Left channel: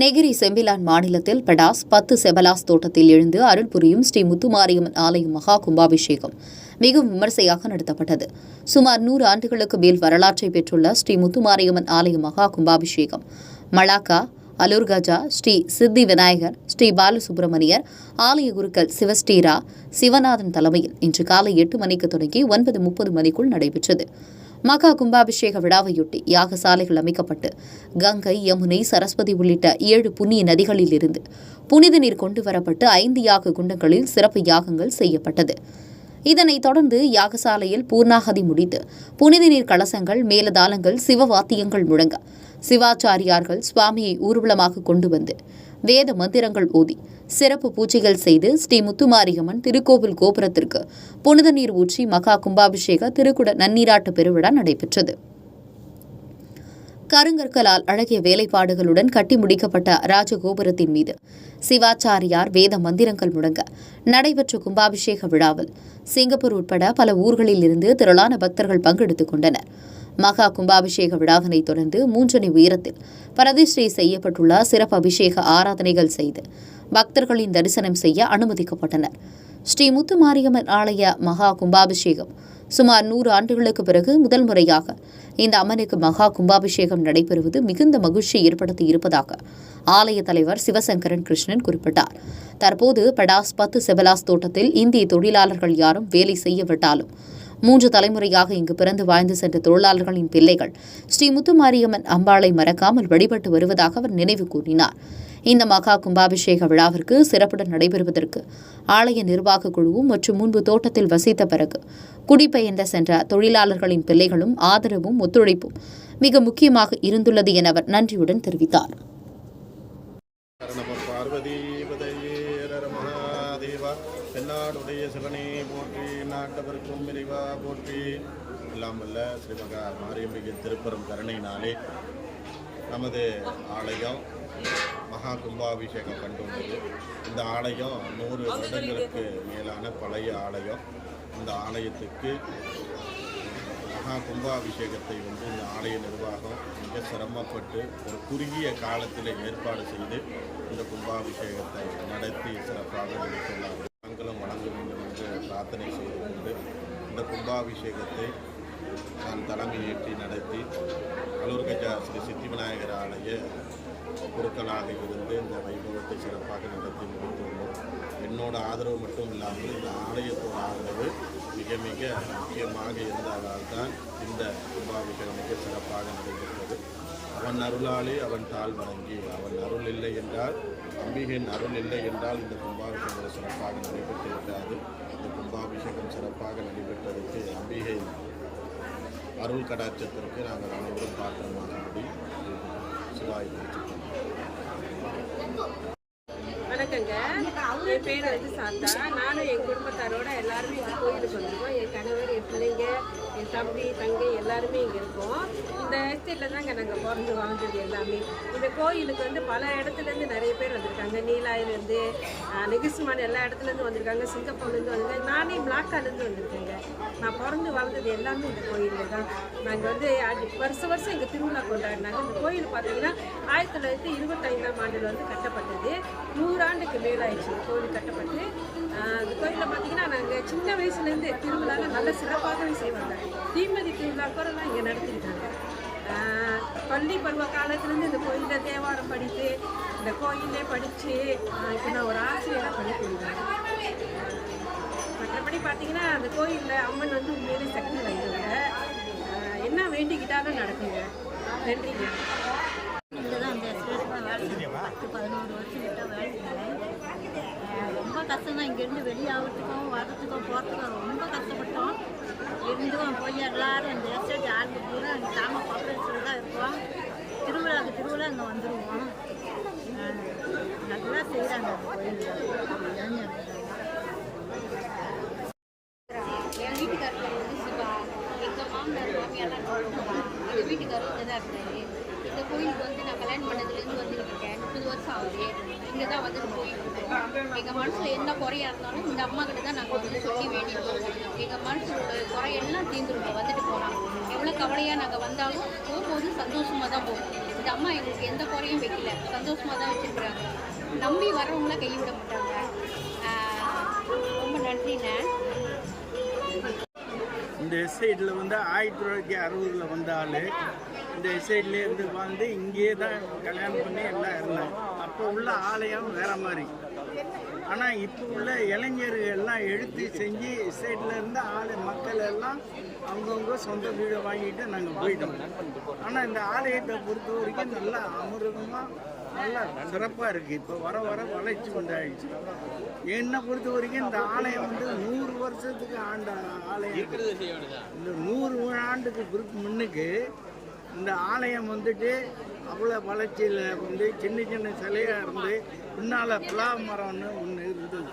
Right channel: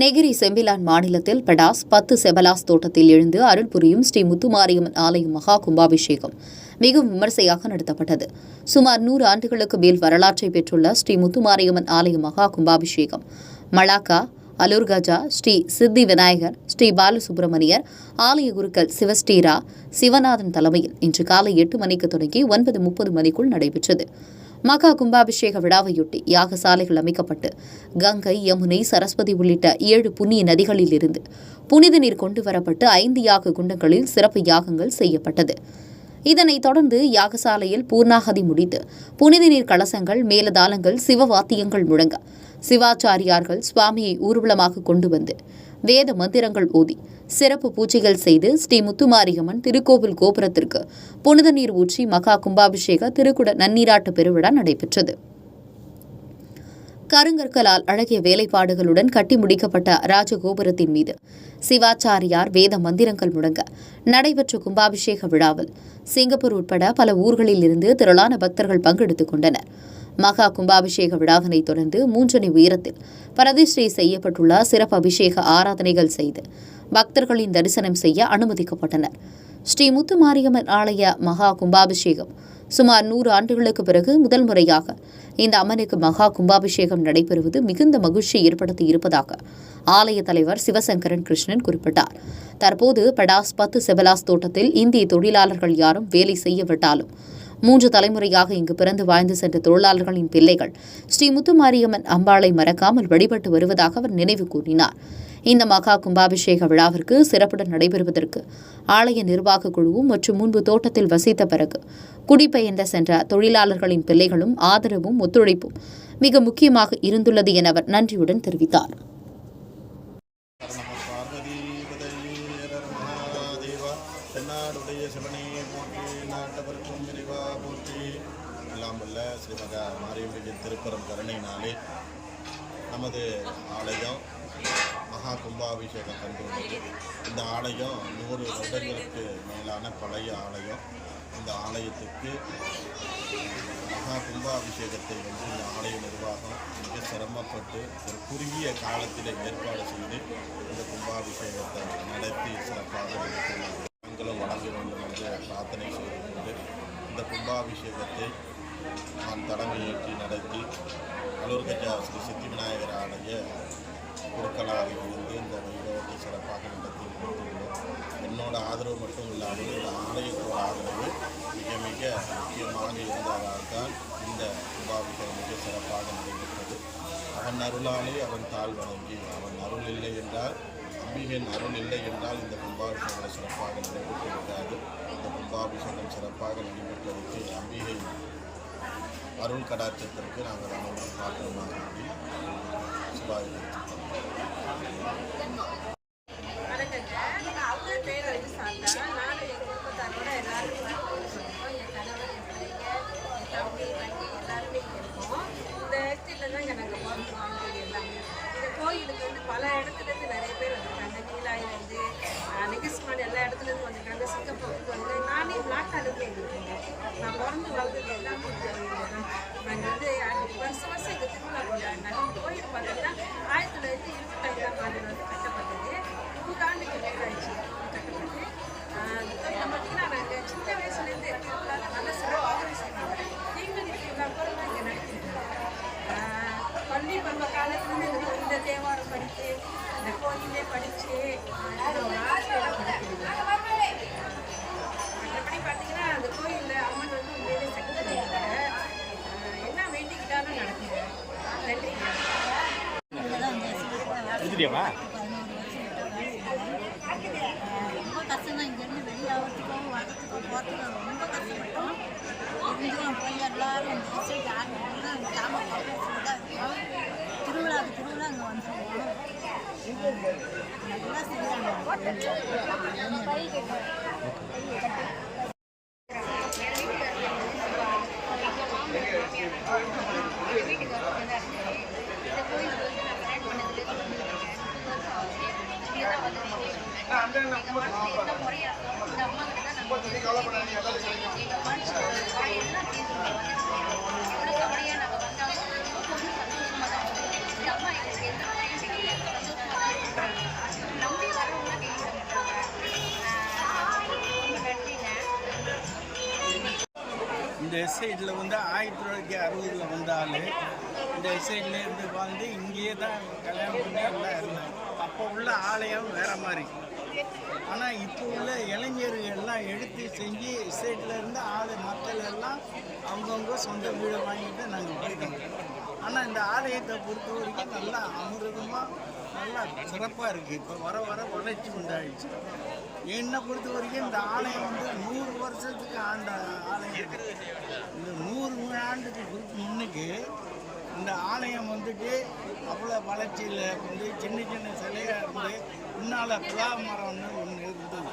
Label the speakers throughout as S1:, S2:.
S1: Negeri Sembilan மாநிலத்தில் படாஸ் பத்து செபலாஸ் தோட்டத்தில் எழுந்து அருள் புரியும் ஸ்ரீ முத்துமாரியம்மன் ஆலயம் மகா கும்பாபிஷேகம் மிகவும் விமர்சையாக நடத்தப்பட்டது. சுமார் நூறு ஆண்டுகளுக்கு மேல் வரலாற்றை பெற்றுள்ள ஸ்ரீ முத்துமாரியம்மன் ஆலய மகா கும்பாபிஷேகம். மலாக்கா அலூர்கஜா ஸ்ரீ சித்தி விநாயகர் ஸ்ரீ பாலசுப்பிரமணியர் ஆலய குருக்கள் சிவஸ்ரீரா சிவநாதன் தலைமையில் இன்று காலை எட்டு மணிக்கு தொடங்கி ஒன்பது முப்பது மணிக்குள் நடைபெற்றது. மகா கும்பாபிஷேக விழாவையொட்டி யாகசாலைகள் அமைக்கப்பட்டு கங்கை யமுனை சரஸ்வதி உள்ளிட்ட ஏழு புண்ணிய நதிகளில் இருந்து புனித நீர் கொண்டு வரப்பட்டு ஐந்து யாக குண்டங்களில் சிறப்பு யாகங்கள் செய்யப்பட்டது. இதனைத் தொடர்ந்து யாகசாலையில் பூர்ணாகதி முடித்து புனித நீர் கலசங்கள் மேலதாளங்கள் சிவவாத்தியங்கள் முழங்க சிவாச்சாரியார்கள் சுவாமியை ஊர்வலமாக கொண்டு வந்து வேத மந்திரங்கள் ஓதி சிறப்பு பூஜைகள் செய்து ஸ்ரீ முத்துமாரியம்மன் திருக்கோவில் கோபுரத்திற்கு புனித நீர் ஊற்றி மகா கும்பாபிஷேக திருக்குட நன்னீராட்டு பெருவிழா நடைபெற்றது. கருங்கற்களால் அழகிய வேலைப்பாடுகளுடன் கட்டி முடிக்கப்பட்ட ராஜகோபுரத்தின் மீது சிவாச்சாரியார் வேத மந்திரங்கள் முழங்க நடைபெற்ற கும்பாபிஷேக விழாவில் சிங்கப்பூர் உட்பட பல ஊர்களில் இருந்து திரளான பக்தர்கள் பங்கெடுத்துக் கொண்டனர். மகா கும்பாபிஷேக விழாவினை தொடர்ந்து மூன்றனை உயரத்தில் பிரதிஷ்டை செய்யப்பட்டுள்ள சிறப்பு அபிஷேக ஆராதனைகள் செய்து பக்தர்களின் தரிசனம் செய்ய அனுமதிக்கப்பட்டனர். ஸ்ரீ முத்துமாரியம்மன் ஆலய மகா கும்பாபிஷேகம் சுமார் நூறு ஆண்டுகளுக்கு பிறகு முதல் முறையாக இந்த அம்மனுக்கு மகா கும்பாபிஷேகம் நடைபெறுவது மிகுந்த மகிழ்ச்சி ஏற்படுத்தி இருப்பதாக ஆலய தலைவர் சிவசங்கரன் கிருஷ்ணன் குறிப்பிட்டார். தற்போது படாஸ் பத்து செபலாஸ் தோட்டத்தில் இந்திய தொழிலாளர்கள் யாரும் வேலை செய்யவிட்டாலும் மூன்று தலைமுறையாக இங்கு பிறந்து வாழ்ந்து சென்ற தொழிலாளர்களின் பிள்ளைகள் ஸ்ரீ முத்துமாரியம்மன் அம்பாளை மறக்காமல் வழிபட்டு வருவதாக அவர் நினைவு கூறினார். இந்த மகா கும்பாபிஷேக விழாவிற்கு சிறப்புடன் நடைபெறுவதற்கு ஆலய நிர்வாக குழுவும் மற்றும் முன்பு தோட்டத்தில் வசித்த பிறகு குடிபெயர்ந்த சென்ற தொழிலாளர்களின் பிள்ளைகளும் ஆதரவும் ஒத்துழைப்பும் மிக முக்கியமாக இருந்துள்ளது என அவர் நன்றியுடன் தெரிவித்தார்.
S2: பார்வதி நாட்டவர்க்கும் விரிவா போற்றி. எல்லாம் வல்ல ஸ்ரீமகா மாரியம்பிகை திருப்பெரும் கருணையினாலே நமது ஆலயம் மகா கும்பாபிஷேகம் கண்டுள்ளது இந்த ஆலயம் நூறு வருடங்களுக்கு மேலான பழைய ஆலயம். இந்த ஆலயத்துக்கு மகா கும்பாபிஷேகத்தை வந்து இந்த ஆலய நிர்வாகம் மிக சிரமப்பட்டு ஒரு குறுகிய காலத்தில் ஏற்பாடு செய்து இந்த கும்பாபிஷேகத்தை நடத்தி சிறப்பாக முடித்துள்ளார்கள். நாங்களும் வழங்க வேண்டும் என்று பிரார்த்தனை செய்து கொண்டு இந்த கும்பாபிஷேகத்தை நான் தலைமையேற்றி நடத்தி கலூர்கஜா ஸ்ரீ சித்தி விநாயகர் ஆலய குருக்களாக இருந்து இந்த வைபவத்தை சிறப்பாக நடத்தி முடித்துள்ளோம். என்னோட ஆதரவு மட்டும் இல்லாமல் இந்த ஆலயத்தோட ஆதரவு மிக மிக முக்கியமாக இருந்ததால் தான் இந்த கும்பாபிஷேகம் மிக சிறப்பாக நடைபெற்றது. அவன் அருளாலே அவன் தாழ் வணங்கி அவன் அருள் இல்லை என்றால் அம்பிகையின் அருள் இல்லை என்றால் இந்த கும்பாபிஷேகம் சிறப்பாக நடைபெற்று விடாது. இந்த கும்பாபிஷேகம் சிறப்பாக நடைபெற்றதற்கு அம்பிகை அருள் கடாட்சத்திற்கு நாங்கள் அனைவரும் பாத்திரமாக கூடி சிவாய்
S3: என் பேர் வந்து சாந்தா நானும் என் குடும்பத்தாரோட எல்லாரும் இந்த கோயிலுக்கு வந்திருக்கோம் என் கணவர் என் பிள்ளைங்க என் தம்பி தங்கை எல்லாருமே இங்கே இருக்கோம் இந்த இங்கே நாங்கள் பிறந்து வாழ்ந்தது எல்லாமே. இந்த கோயிலுக்கு வந்து பல இடத்துலேருந்து நிறைய பேர் வந்திருக்காங்க. நீலாயிலேருந்து நெகிஸ்மான் எல்லா இடத்துலேருந்து வந்திருக்காங்க. சிங்கப்பூர்லேருந்து வந்திருக்காங்க. நானே பிளாக்காலேருந்து வந்திருக்கேங்க. நான் பிறந்து வாழ்ந்தது எல்லாமே இந்த கோயிலில் தான். நாங்கள் வந்து அது வருஷம் வருஷம் இந்த திருவிழா கொண்டாடினாங்க இந்த கோயில் பார்த்தீங்கன்னா ஆயிரத்தி தொள்ளாயிரத்தி இருபத்தைந்தாம் ஆண்டில் வந்து கட்டப்பட்டது. நூறாண்டுக்கு மேலாயிடுச்சு இந்த கோயில் கட்டப்பட்டு. இந்த கோயிலில் பார்த்தீங்கன்னா நாங்கள் சின்ன வயசுலேருந்து திருவிழாவில் நல்ல சிறப்பாகவே செய்வாங்க. தீமதி திருவிழா கூட இங்கே நடத்திருக்கோம். பள்ளி பருவ காலத்துலேருந்து இந்த கோயிலில் தேவாரம் படித்து இந்த கோயிலே படித்து நான் ஒரு ஆசிரியரை படிக்கிறேன் மற்றபடி பார்த்தீங்கன்னா அந்த கோயிலில் அம்மன் வந்து உண்மையிலே சக்தி ஆஹ் என்ன வேண்டிக்கிட்டாலும் நடக்குங்க
S4: செஞ்சேன். பத்து பதினோரு வருஷம் கிட்ட வேலை செஞ்சேன். ரொம்ப கஷ்டம் தான் இங்கேருந்து வெளியாகிறதுக்கும் வரத்துக்கும் போகிறதுக்கும் ரொம்ப கஷ்டப்பட்டோம். இருந்தும் போய் எல்லாரும் இந்த எஸ்டேட் ஆளுங்க பூரா அங்கே கிராம பக்கத்தில் தான் இருக்கோம். திருவிழாவுக்கு திருவிழா அங்கே வந்துடுவோம் நல்லா செய்கிறாங்க அந்த கோயிலில்.
S5: எங்கள் இந்த நான் வருஷம் ஆகுது வந்து கோயில் எங்க மனசுல என்ன குறையா இருந்தாலும் இந்த அம்மா கிட்ட தான் நாங்க வந்து சொல்லி வேண்டியிருக்கோம். எங்க மனசுல குறையெல்லாம் தீர்ந்துருங்க வந்துட்டு போனோம் எவ்வளவு கவலையா நாங்க வந்தாலும் இந்த
S6: எஸ்ஐடில் வந்து ஆயிரத்தி தொள்ளாயிரத்தி அறுபதில் வந்த ஆள் இந்த எஸ்ஐடில் இருந்து வாழ்ந்து இங்கேயே தான் கல்யாணம் பண்ணி எல்லாம் இருந்தேன் அப்போ உள்ள ஆலயம் வேற மாதிரி. ஆனால் இப்போ உள்ள இளைஞர்கள் எல்லாம் எடுத்து செஞ்சு எஸ்ஐடில் இருந்து ஆளு மக்கள் எல்லாம் அவங்கவுங்க சொந்த வீடை வாங்கிட்டு நாங்கள் போயிட்டோம். ஆனால் இந்த ஆலயத்தை பொறுத்த வரைக்கும் நல்லா அமிர்தமாக நல்லா சிறப்பாக இருக்குது இப்போ வர வர வளர்ச்சி உண்டாயிடுச்சு. என்னை பொறுத்த வரைக்கும் இந்த ஆலயம் வந்து நூறு வருஷத்துக்கு ஆண்ட ஆலயம். இந்த நூறு ஆண்டுக்கு குறுக்கு முன்னுக்கு இந்த ஆலயம் வந்துட்டு அவ்வளோ வளர்ச்சியில் வந்து சின்ன சின்ன சிலையாக இருந்து பின்னால் புலா மரம்னு ஒன்று இருந்தது.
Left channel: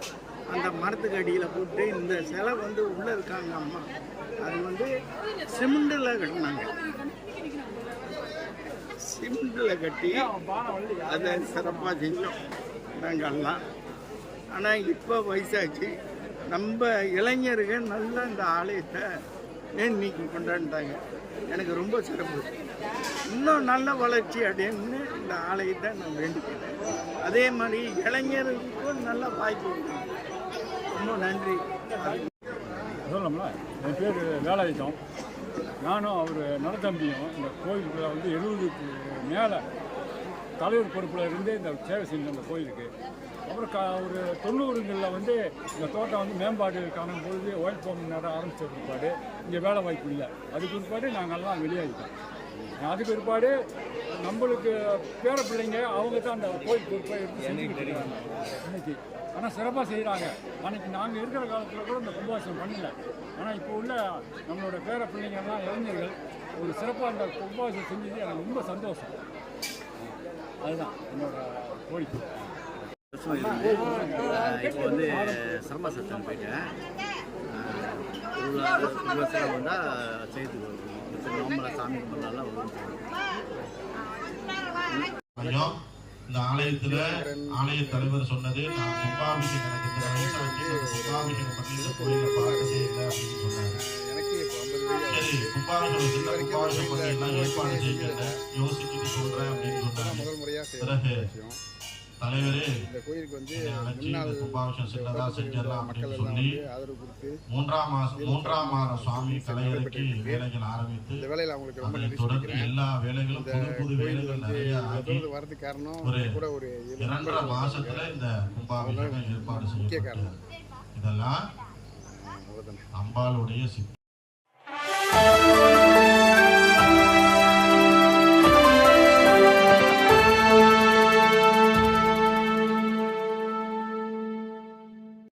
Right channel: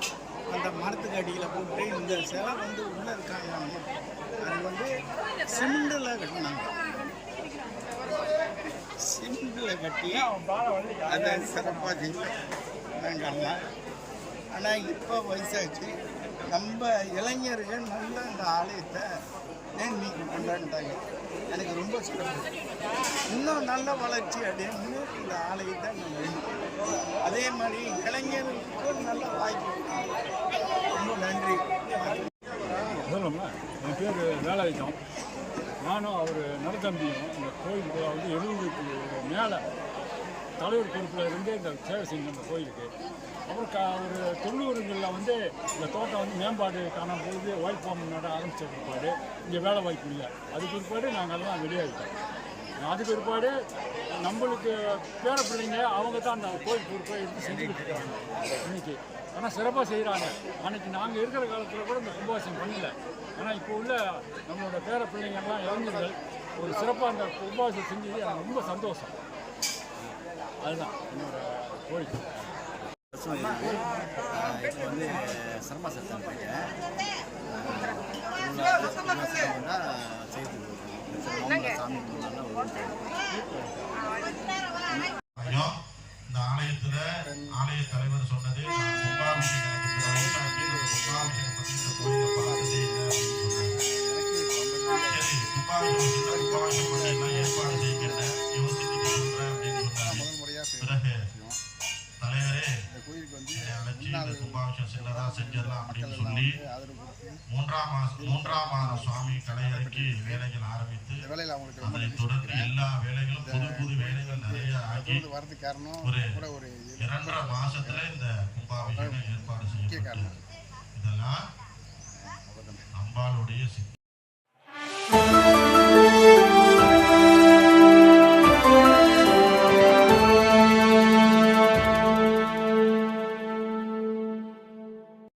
S6: அந்த மரத்துக்கு அடியில் போட்டு இந்த சிலை வந்து உள்ளே இருக்காங்க அம்மா. அது வந்து சிமெண்டில் கட்டினாங்க. சிமெண்டில் கட்டி அதை சிறப்பாக செஞ்சோம். நாங்கள்லாம் ஆனால் இப்போ வயசாச்சு. நம்ம இளைஞர்கள் நல்ல இந்த ஆலயத்தை இன்னைக்கு கொண்டாடிட்டாங்க? எனக்கு ரொம்ப சிறப்பு. இன்னும் நல்ல வளர்ச்சி அப்படின்னு இந்த ஆலயத்தை நான் வேண்டிக்கிறேன். அதே மாதிரி இளைஞர்களுக்கும் நல்ல வாய்ப்பு ரொம்ப நன்றி.
S7: சொல்லணும்ல என் பேர் வேலாயுதம். நானும் அவர் நடத்தம்பியும் இந்த கோயிலுக்கு வந்து எழுபதுக்கு மேலே தலைவர் பொறுப்பில் இருந்து இந்த சேவை செஞ்சோம் இந்த கோயிலுக்கு அப்புறம் க ஒரு தொண்ணூறுங்களில் வந்து இந்த தோட்டம் வந்து மேம்பாடு காணும் பொழுது ஒயில் ஃபார்ம் நட ஆரம்பித்த பிற்பாடு இங்கே வேலை வாய்ப்பு இல்லை. அதுக்கு பிற்பாடு நாங்கள்லாம் வெளியாகிட்டோம் அதுக்கு பிற்பாடு நம்மளுக்கு பேர பிள்ளைங்க அவங்க தான் அந்த கோயில் பொறுப்பை எடுத்து செஞ்சுக்கிட்டு இருக்காங்க. இன்னைக்கு. ஆனால் சிறப்பாக செய்கிறாங்க அன்னைக்கு நாங்கள் இருக்கிற காலத்தில் கூட இந்த கும்பாசம் பண்ணல. ஆனால் இப்போ உள்ள நம்மளோட பேர பிள்ளைங்கள்லாம் இளைஞர்கள் ஒரு சிறப்பாக அந்த கும்பாபிஷேகம் செஞ்சது எனக்கு ரொம்ப சந்தோஷம். அதுதான் என்னோட
S8: இருந்து ஆஹ் இப்போ வந்து சிரம சத்தம் போயிட்டேன் வாரம் ஒரு வருஷம் வந்தால் செய்து கொடுக்கும் நோம்பல சாமி கும்பிட்லாம்
S2: ஐயா, இந்த ஆலயத்துல ஆலய தலைவர் சொன்னது
S9: இந்த
S2: கும்பாபிஷேகம் சின்னதா செஞ்சிடலாம் அப்படின்னு சொல்லி மூன்றாம் மூன்றாம் மாத சுவாமி கலையறைக்கு வேலைகள் ஆரம்பித்து
S9: இந்த வேலையில் அவங்களுக்கு ரொம்ப நன்றி
S2: தொடர்ந்து
S9: சொல்லிக்கிறேன்
S2: எல்லா வேலைகளும்
S9: இந்த
S2: புது புது
S9: கோயில்
S2: வேலைகள்
S9: வந்து வரதுக்கு காரணம் கூட ஒரு
S2: இரண்டரை மாசத்துல
S9: இருக்காங்க.
S2: இந்த கும்பாபிஷேகம் ஏற்பாடு
S9: முக்கிய காரணம்.
S2: இதெல்லாம் அம்பாளுடைய சித்தம்